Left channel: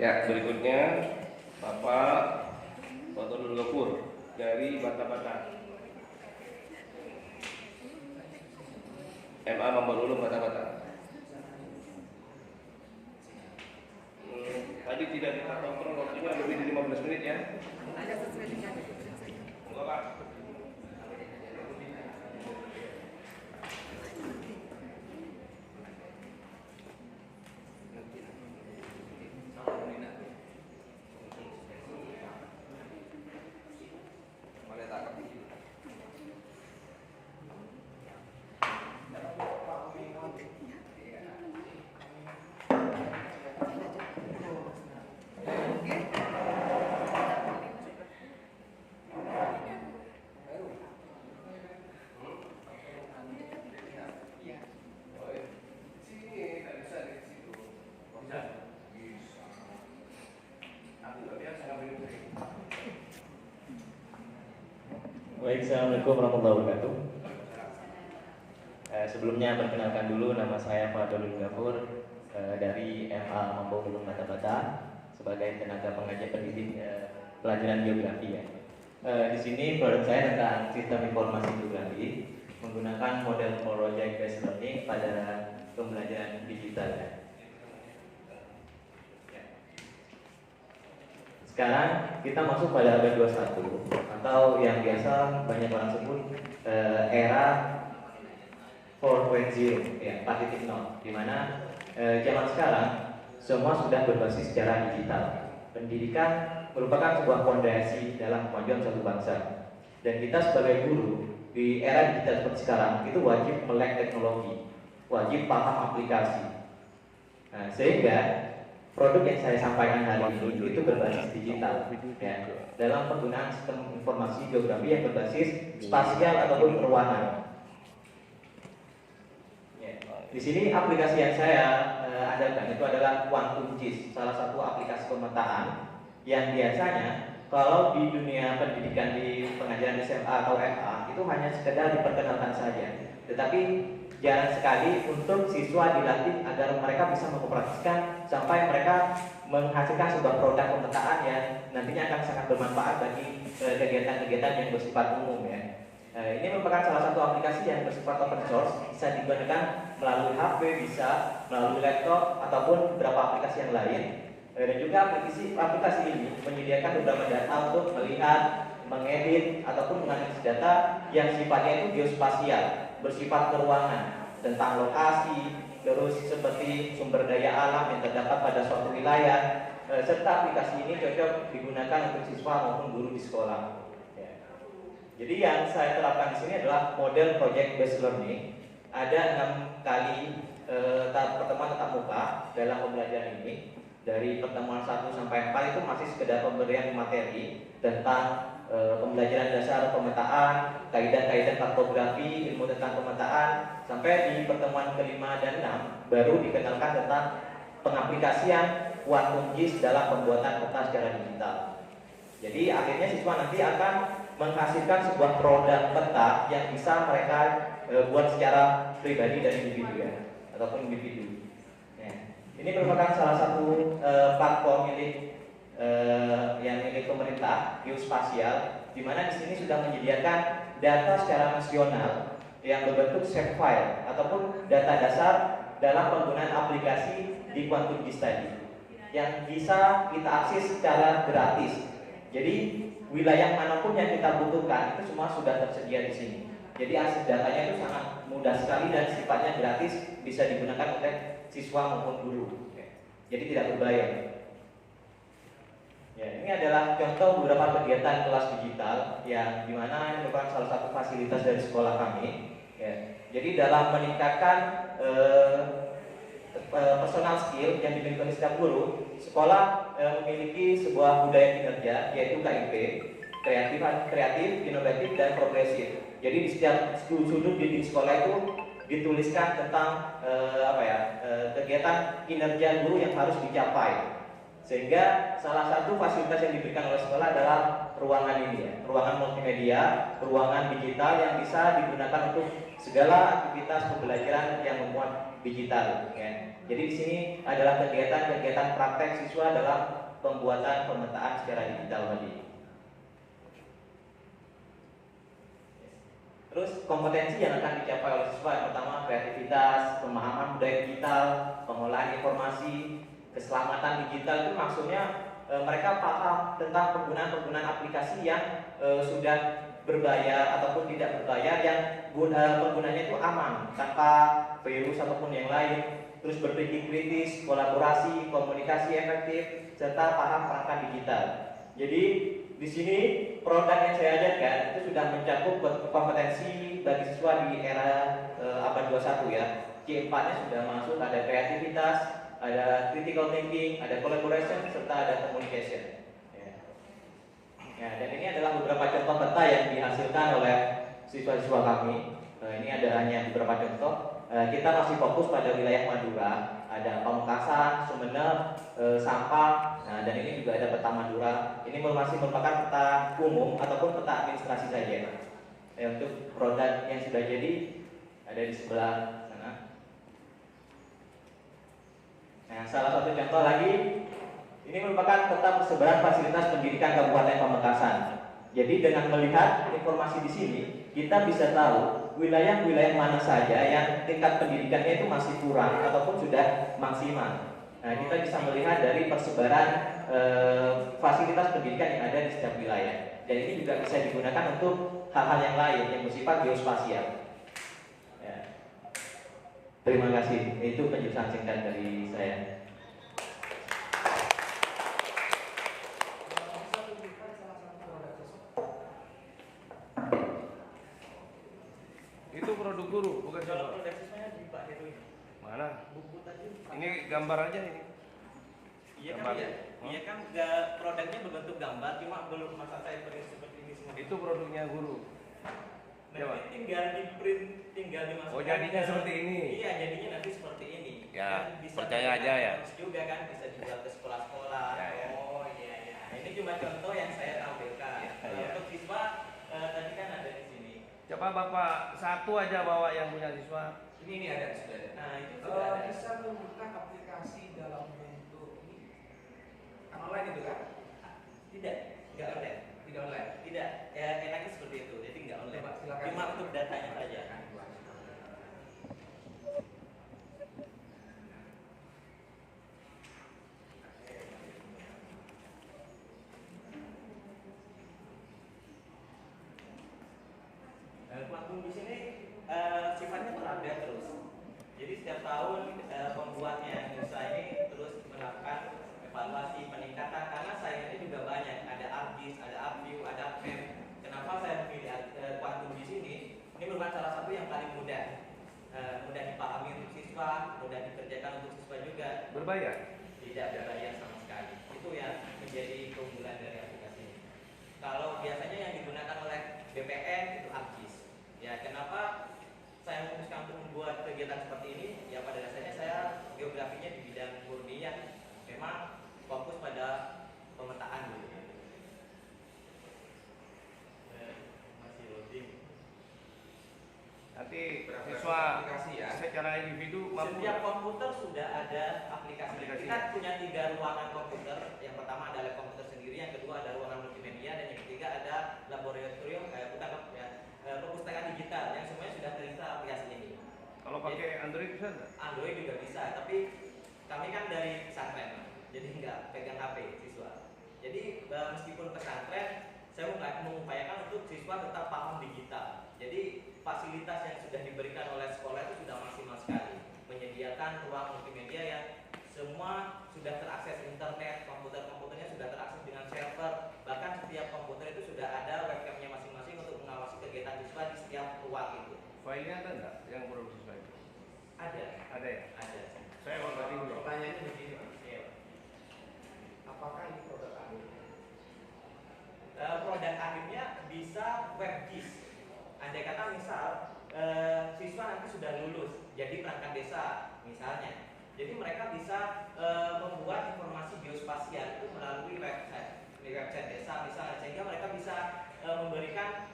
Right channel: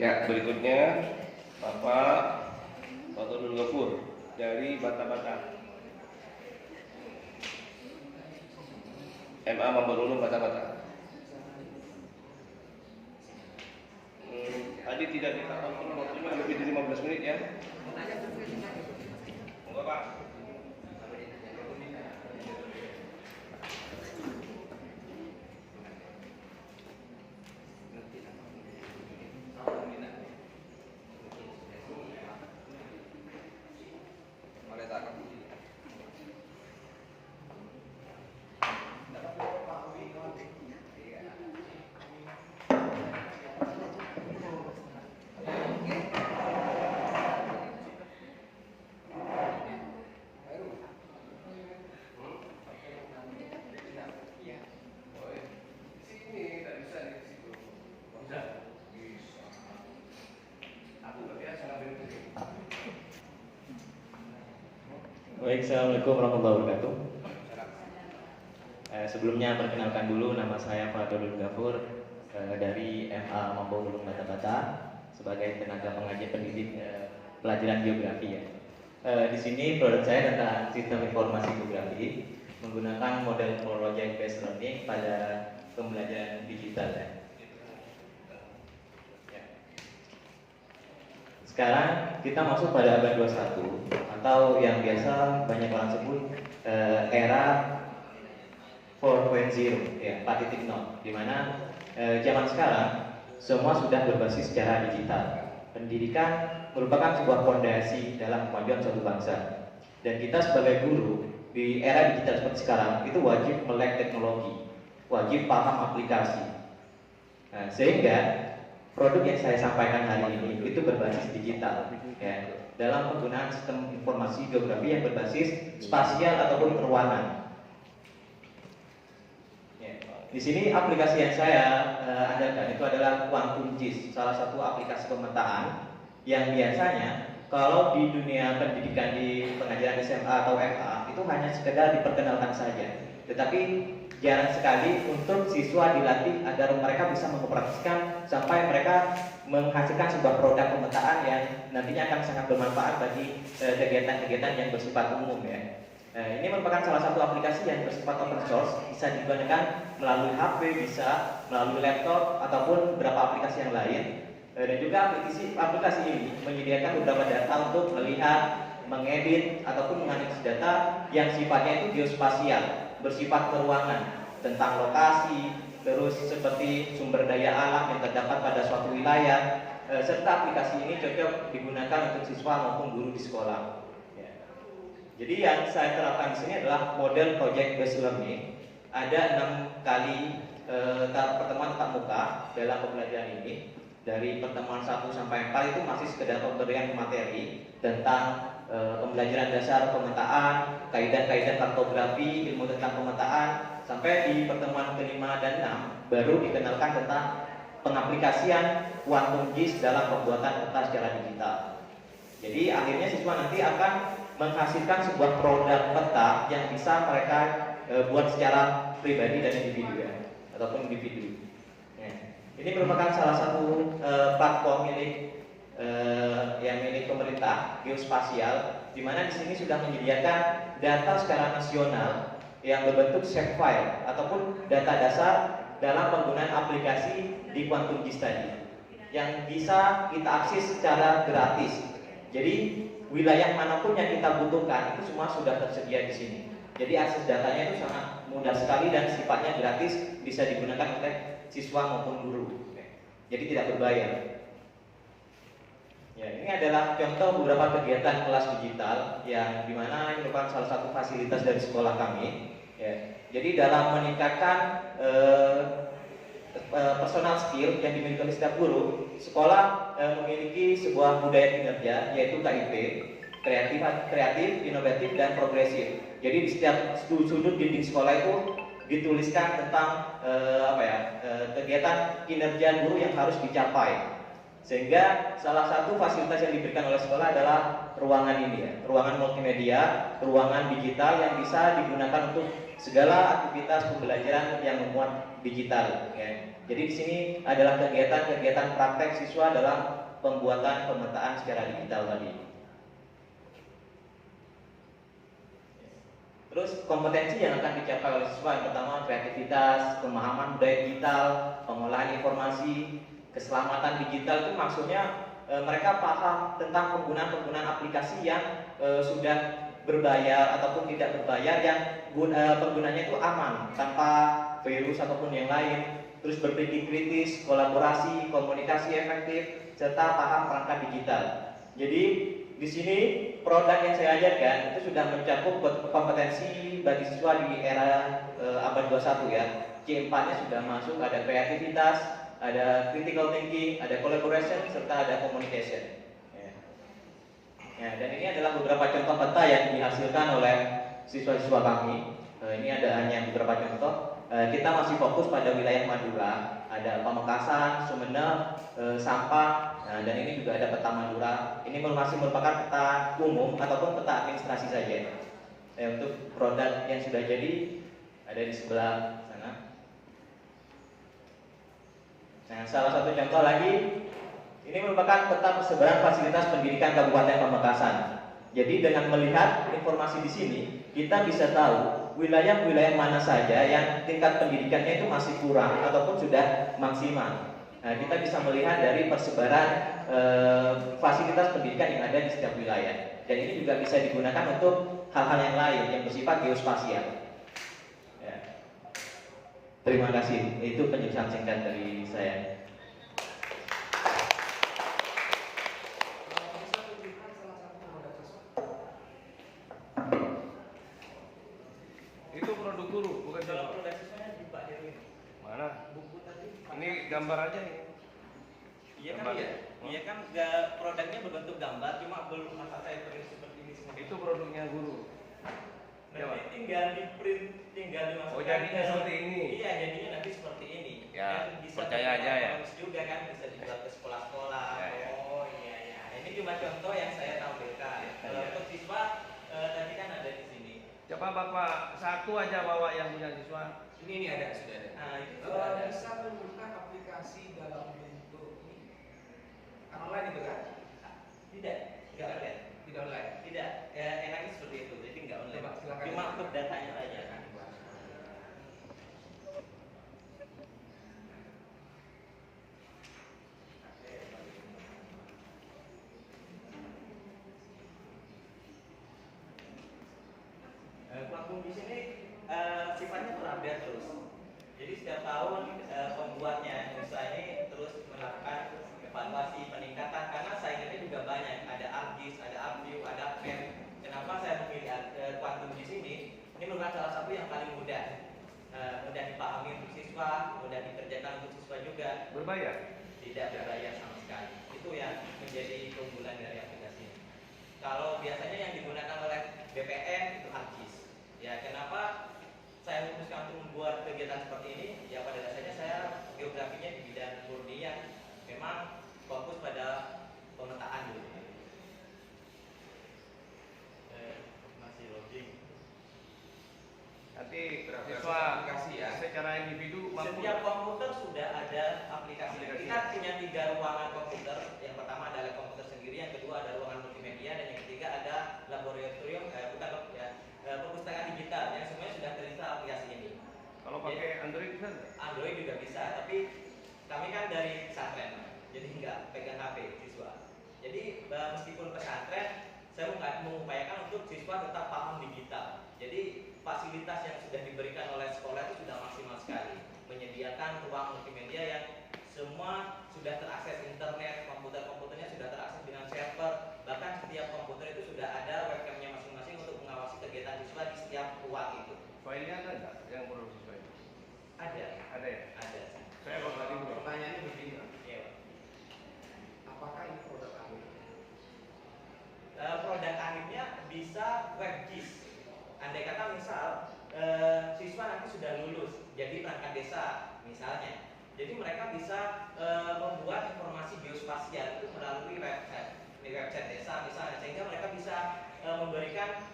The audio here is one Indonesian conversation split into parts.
Ya, berikutnya Bapak Fathul Ghafur dari Bata-Bata. MA Mambarulu Bata-Bata. Tadi tidak kita kontrol waktunya lebih dari 15 menit ya. Ada sesuai dengan Enggak, Pak. Boleh tangkap. Baik, Assalamualaikum warahmatullahi wabarakatuh. Sebelumnya perkenalkan dulu, nama saya Fathul Ghafur dari MA Mambo Ulung Bata-Bata sebagai tenaga pengajar pendidik pelajaran geografi ya. Di sini produk saya tentang sistem informasi geografi menggunakan model project based learning pada pembelajaran digital ya. Sekarang kita masuk pada abad 21 atau yang biasa banyak orang sebut era 4.0 ya, 4.0, di mana zaman sekarang semua sudah berbasis secara digital. Pendidikan merupakan sebuah fondasi dalam kemajuan suatu bangsa. Dan kita sebagai guru di era digital seperti sekarang itu wajib melek teknologi, wajib paham aplikasi. Sehingga produk yang saya sampaikan hari ini itu berbasis digital ya, dalam penggunaan sistem informasi geografi yang berbasis spasial ataupun ruangan. Ya. Di sini aplikasi yang saya andalkan itu adalah QuantumGIS, salah satu aplikasi pemetaan yang biasanya kalau di dunia pendidikan di pengajaran SMA atau MA itu hanya sekedar diperkenalkan saja, tetapi jarang sekali untuk siswa dilatih agar mereka bisa mempraktikkan sampai mereka menghasilkan sebuah produk pemetaan yang nantinya akan sangat bermanfaat bagi kegiatan-kegiatan yang bersifat umum ya. Ini merupakan salah satu aplikasi yang bersifat open source, bisa digunakan melalui HP, bisa melalui laptop ataupun beberapa aplikasi yang lain. Dan juga aplikasi ini menyediakan beberapa data untuk melihat, mengedit ataupun menganalisis data yang sifatnya itu geospasial, bersifat keruangan, tentang lokasi, terus seperti sumber daya alam yang terdapat pada suatu wilayah, serta aplikasi ini cocok digunakan untuk siswa maupun guru di sekolah. Ya. Jadi yang saya terapkan di sini adalah model project based learning. Ada 6 kali pertemuan tatap muka dalam pembelajaran ini. Dari pertemuan 1 sampai 4 itu masih sekedar pemberian materi tentang pembelajaran dasar pemetaan, kaidah-kaidah kartografi, ilmu tentang pemetaan, sampai di pertemuan kelima dan 6 baru dikenalkan tentang pengaplikasian QuantumGIS dalam pembuatan peta secara digital. Jadi akhirnya siswa nanti akan menghasilkan sebuah produk peta yang bisa mereka buat secara pribadi dan individu ya, ataupun individu. Ini merupakan salah satu platform yang milik pemerintah geospasial, di mana di sini sudah menyediakan data secara nasional yang berbentuk shape file ataupun data dasar dalam penggunaan aplikasi di QuantumGIS tadi, yang bisa kita akses secara gratis. Jadi wilayah manapun yang kita butuhkan itu semua sudah tersedia di sini. Jadi akses datanya itu sangat mudah sekali dan sifatnya gratis, bisa digunakan oleh siswa maupun guru. Jadi tidak berbayar. Ya, ini adalah contoh beberapa kegiatan kelas digital yang dimana ini merupakan salah satu fasilitas dari sekolah kami. Ya. Jadi dalam meningkatkan personal skill yang dimiliki oleh setiap guru, sekolah memiliki sebuah budaya kinerja yaitu KIP, kreatif, inovatif, dan progresif. Jadi di setiap sudut dinding sekolah itu dituliskan tentang kegiatan kinerja guru yang harus dicapai. Sehingga salah satu fasilitas yang diberikan oleh sekolah adalah ruangan ini ya, ruangan multimedia, ruangan digital yang bisa digunakan untuk segala aktivitas pembelajaran yang memuat digital. Ya. Jadi di sini adalah kegiatan-kegiatan praktek siswa dalam pembuatan pemetaan secara digital tadi. Terus kompetensi yang akan dicapai oleh siswa yang pertama kreativitas, pemahaman budaya digital, pengolahan informasi, keselamatan digital itu maksudnya mereka paham tentang penggunaan aplikasi yang sudah berbayar ataupun tidak berbayar yang penggunanya itu aman tanpa virus ataupun yang lain. Terus berpikir kritis, kolaborasi, komunikasi efektif, serta paham perangkat digital. Jadi di sini produk yang saya ajarkan itu sudah mencakup kompetensi bagi siswa di era abad 21 ya. C4-nya sudah masuk, ada kreativitas, ada critical thinking, ada collaboration, serta ada communication. Ya, dan ini adalah beberapa contoh peta yang dihasilkan oleh siswa-siswa kami. Ini ada hanya beberapa contoh. Kita masih fokus pada wilayah Madura, ada Pamekasan, Sumeneb, Sampang. Nah, dan ini juga ada peta Madura. Ini masih merupakan peta umum ataupun peta administrasi saja. Untuk produk yang sudah jadi ada di sebelah sana. Nah, salah satu contoh lagi, ini merupakan peta persebaran fasilitas pendidikan Kabupaten Pamekasan. Jadi dengan melihat informasi di sini, kita bisa tahu wilayah-wilayah mana saja yang tingkat pendidikannya itu masih kurang ataupun sudah maksimal. Nah, kita bisa melihat dari persebaran fasilitas pendidikan yang ada di setiap wilayah. Dan ini juga bisa digunakan untuk hal-hal yang lain yang bersifat geospasial. Ya. Terima kasih. Itu penjelasan singkat dari saya. Itu produk guru, bukan Kalau produk. produk siswanya di Pak Heru Mana? buku tadi. Ini gambar aja nih. Iya kan iya. Iya kan produknya berbentuk gambar, cuma belum masa saya print seperti ini semua. Itu produknya guru. Nah, ini tinggal di print, tinggal dimasukkan. Oh, jadinya seperti ini. Iya, jadinya nanti seperti ini. Ya, Dan bisa percaya aja ya. juga kan bisa dibuat ke sekolah-sekolah. Ya, ya. Oh iya iya. Nah, ini cuma contoh yang saya tampilkan. Ya, Kalau ya. untuk siswa tadi kan ada di sini. Coba Bapak satu aja bawa yang punya siswa. Ini ada, sudah ada. Nah, itu sudah ada. Bisa membuka aplikasi dalam bentuk ini. Kan online itu kan? Tidak, enggak Tidak. online. Tidak online. Tidak, ya, enaknya seperti itu. Jadi enggak online. Coba, silakan. Cuma untuk datanya aja. Platform di sini sifatnya terupdate terus. Jadi setiap tahun pembuatnya usaha ini terus melakukan evaluasi peningkatan karena saingannya juga banyak. Ada ArcGIS, ada ArcView, ada ArcMap. Kenapa saya memilih Quantum di sini? Ini merupakan salah satu yang paling mudah, mudah dipahami untuk siswa, mudah dikerjakan untuk siswa juga. Berbayar. Tidak berbayar sama sekali. Itu yang menjadi keunggulan dari aplikasi ini. Kalau biasanya yang digunakan oleh BPN itu ArcGIS. Ya, kenapa saya memutuskan untuk membuat kegiatan seperti ini? Ya, pada dasarnya saya geografinya di bidang murni yang memang fokus pada pemetaan dulu. Masih loading. Nanti Beraplikasi siswa aplikasi ya. secara individu mampu. Setiap komputer sudah ada aplikasi. Kita punya 3 ruangan komputer. Yang pertama adalah komputer sendiri, yang kedua ada ruangan multimedia, dan yang ketiga ada laboratorium, perpustakaan digital yang semuanya sudah terinstall aplikasi ini. Kalau pakai Android bisa nggak? Android juga bisa, tapi kami kan dari pesantren, jadi nggak pegang HP siswa. Jadi meskipun pesantren, saya mengupayakan untuk siswa tetap paham digital. Jadi fasilitas yang sudah diberikan oleh sekolah itu sudah maksimal sekali, menyediakan ruang multimedia yang semua sudah terakses internet, komputernya sudah terakses dengan server, bahkan setiap komputer itu sudah ada webcamnya masing-masing untuk mengawasi kegiatan siswa di setiap ruang itu. Filenya ada nggak yang produk siswa itu? Ada, Ada ya? ada. Saya mau tadi dulu. Pertanyaannya begini, Pak. Ya, Pak. Apakah ini produk kami? Produk akhirnya bisa WebGIS. Andai kata misal siswa nanti sudah lulus jadi perangkat desa misalnya, jadi mereka bisa membuat informasi geospasial itu melalui website desa misalnya, sehingga mereka bisa memberikan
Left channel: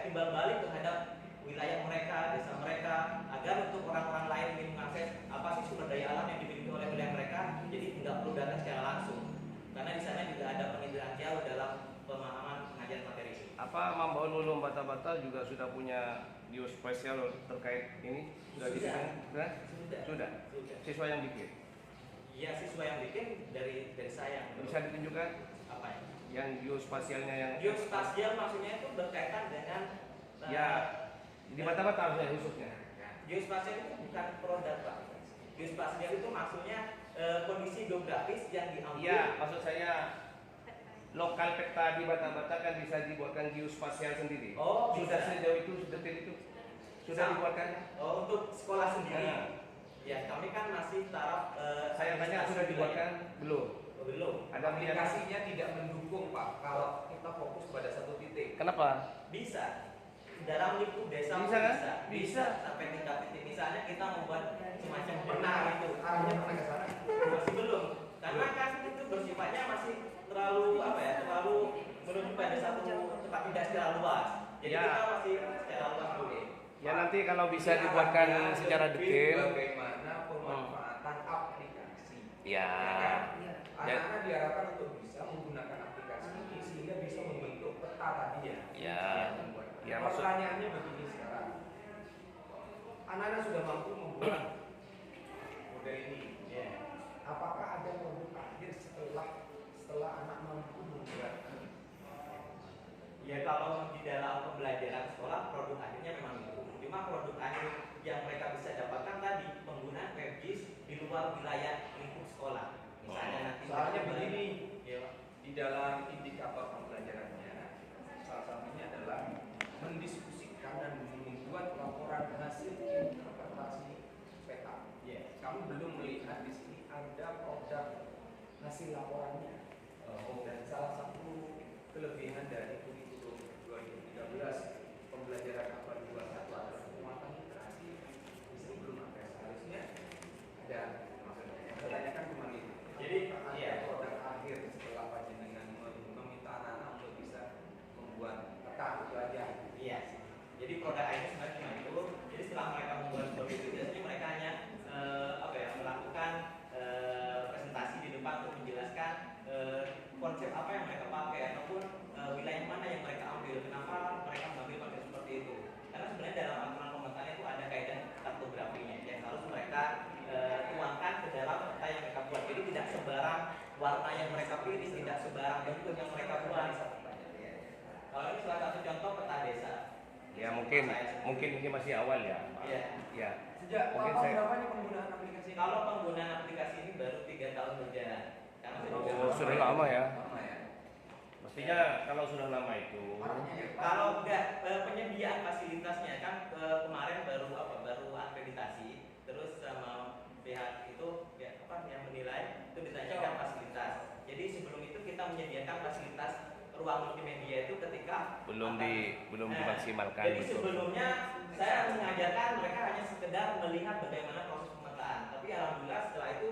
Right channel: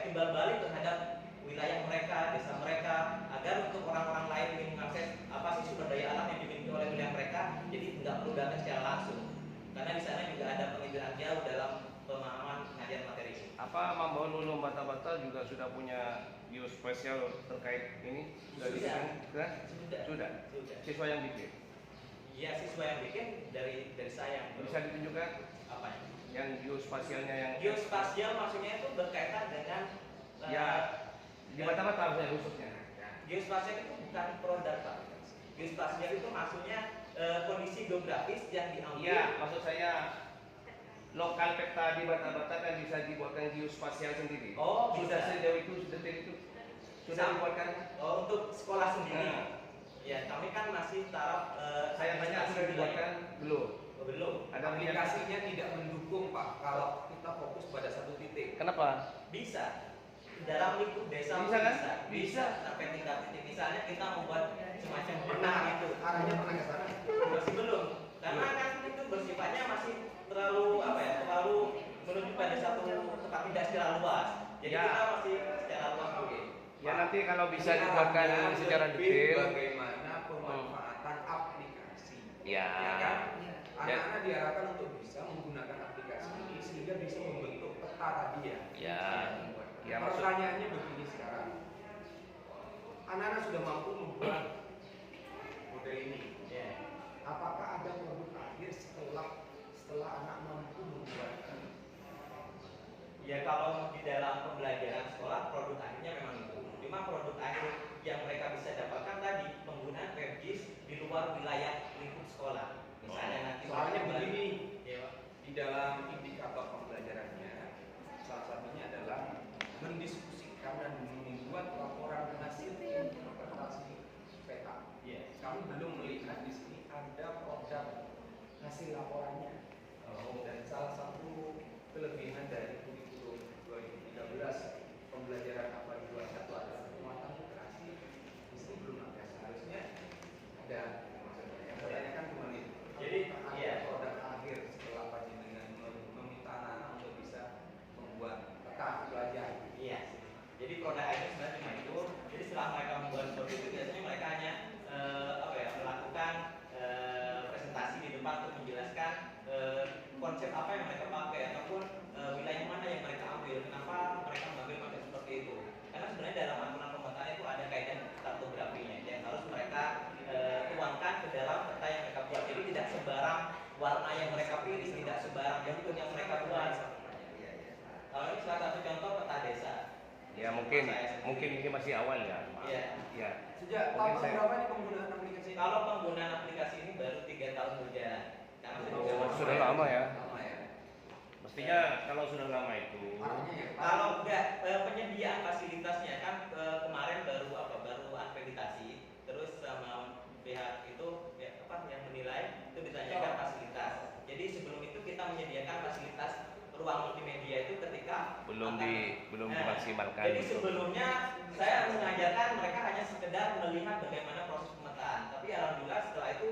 timbal balik terhadap wilayah mereka, desa mereka, agar untuk orang-orang lain yang mengakses apa sih sumber daya alam yang dimiliki oleh wilayah mereka, jadi tidak perlu datang secara langsung. Karena di sana juga ada penginderaan jauh dalam pemahaman pengajian materi. Apa membawa lulu bata-bata juga sudah punya geospasial terkait ini? Sudah. dibikin? Sudah. Sudah. Siswa yang bikin. Iya, siswa yang bikin dari saya. Bisa ditunjukkan Apa ya? yang geospasialnya yang Geospasial maksudnya itu berkaitan dengan ya di bata-bata khususnya. geospasial itu bukan produk Pak. Geospasial itu maksudnya kondisi geografis yang diambil. Iya, maksud saya lokal peta di bata-bata kan bisa dibuatkan geospasial sendiri. Oh, sudah bisa. sejauh itu, sedetil itu sudah dibuatkan. Oh, untuk sekolah sendiri. Nah. Ya, kami kan masih taraf Saya tanya sudah dibuatkan belum? Oh, belum. Ada Aplikasinya tidak mendukung Pak kalau kita fokus pada satu titik. Kenapa? Bisa. Dalam lingkup desa Bisa pun kan? bisa. Bisa. Sampai tingkat titik. Misalnya kita membuat semacam Nah, benang itu. arahnya mana ke sana? Masih belum. Karena kan itu bersifatnya masih terlalu apa ya? Terlalu menuju pada satu tempat tidak secara luas. Jadi Ya. kita masih secara luas dulu. Ya nanti kalau bisa Ini dibuatkan arahnya secara lebih detail. Bagaimana pemanfaatan aplikasi. Ya. kan? Anak-anak diarahkan untuk bisa menggunakan aplikasi ini sehingga bisa membentuk peta tadi ya. Ya. Ya, maksud- Pertanyaannya begini sekarang. Anak-anak sudah mampu membuat model ini. Ya. Apakah ada produk akhir setelah anak mampu membuat? Ya kalau di dalam pembelajaran sekolah produk akhirnya memang itu. Cuma produk akhir yang mereka bisa dapatkan tadi penggunaan WebGIS di luar wilayah lingkup sekolah. Misalnya nanti Soalnya mereka begini, ya, Pak. di dalam indikator pembelajarannya salah satunya adalah mendiskusikan dan membuat laporan hasil interpretasi peta. Iya. Kami belum melihat di sini ada produk hasil laporannya. Dan salah satu kelebihan dari kurikulum 2013 pembelajaran apa 21 adalah penguatan literasi. Di sini belum ada, seharusnya ada. Maksudnya yang saya tanyakan cuma itu. Jadi, apakah iya. ada produk akhir setelah panjenengan meminta anak-anak untuk bisa membuat peta belajar? Iya. Jadi produk akhirnya sebenarnya cuma itu. Jadi setelah mereka membuat seperti itu biasanya mereka hanya apa ya melakukan presentasi di depan untuk menjelaskan konsep apa yang mereka pakai ataupun wilayah mana yang mereka ambil, kenapa mereka mengambil konsep seperti itu. Karena sebenarnya dalam aturan pemetaan itu ada kaidah kartografinya yang harus mereka tuangkan ke dalam peta yang mereka buat. Jadi tidak sebarang warna yang mereka pilih, tidak sebarang bentuk yang mereka buat. Kalau ini salah satu contoh peta desa. Ya mungkin ini masih awal ya. Iya. Ya. Sejak Oke, tahun saya- berapa nih penggunaan aplikasi ini? Kalau penggunaan aplikasi ini baru 3 tahun berjalan. Karena Oh, sudah lama ya. Lama ya. Mestinya kalau sudah lama itu Arahnya ya. Kalau enggak penyediaan fasilitasnya kan kemarin baru akreditasi terus sama pihak itu yang menilai itu ditanyakan fasilitas. Jadi sebelum itu kita menyediakan fasilitas ruang multimedia itu ketika belum dimaksimalkan. Jadi sebelumnya saya mengajarkan mereka hanya sekedar melihat bagaimana proses pemetaan. Tapi alhamdulillah setelah itu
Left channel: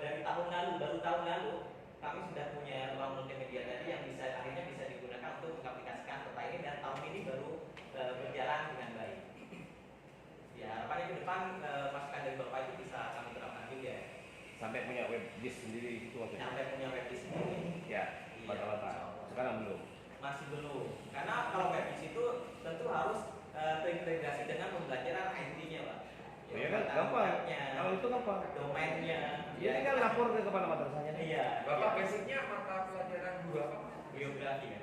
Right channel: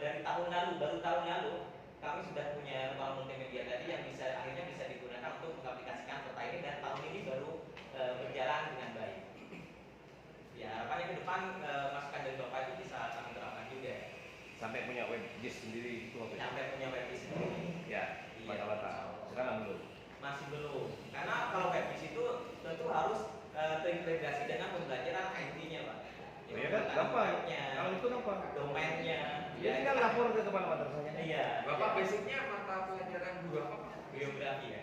dari baru tahun lalu kami sudah punya ruang multimedia tadi yang akhirnya bisa digunakan untuk mengaplikasikan peta ini dan tahun ini baru berjalan dengan baik. Ya harapannya ke depan masukan dari Bapak itu bisa kami terapkan juga. Sampai punya web GIS sendiri itu maksudnya. Sampai punya webis sendiri. Ya, Iya. mata-mata. Sekarang belum. Masih belum. Karena kalau webis itu tentu harus terintegrasi dengan pembelajaran IT-nya, Pak. Ya kan, gampang. Kalau itu gampang. Domainnya. Ya tinggal lapor ke kepala madrasahnya. Iya. Bapak basicnya mata pelajaran dua apa? Geografi ya.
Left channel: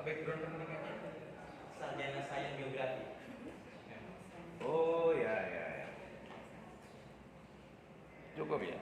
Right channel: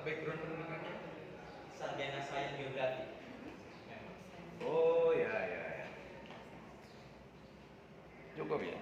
Background pendidikannya? Sarjana sains geografi. Oh ya. Cukup ya.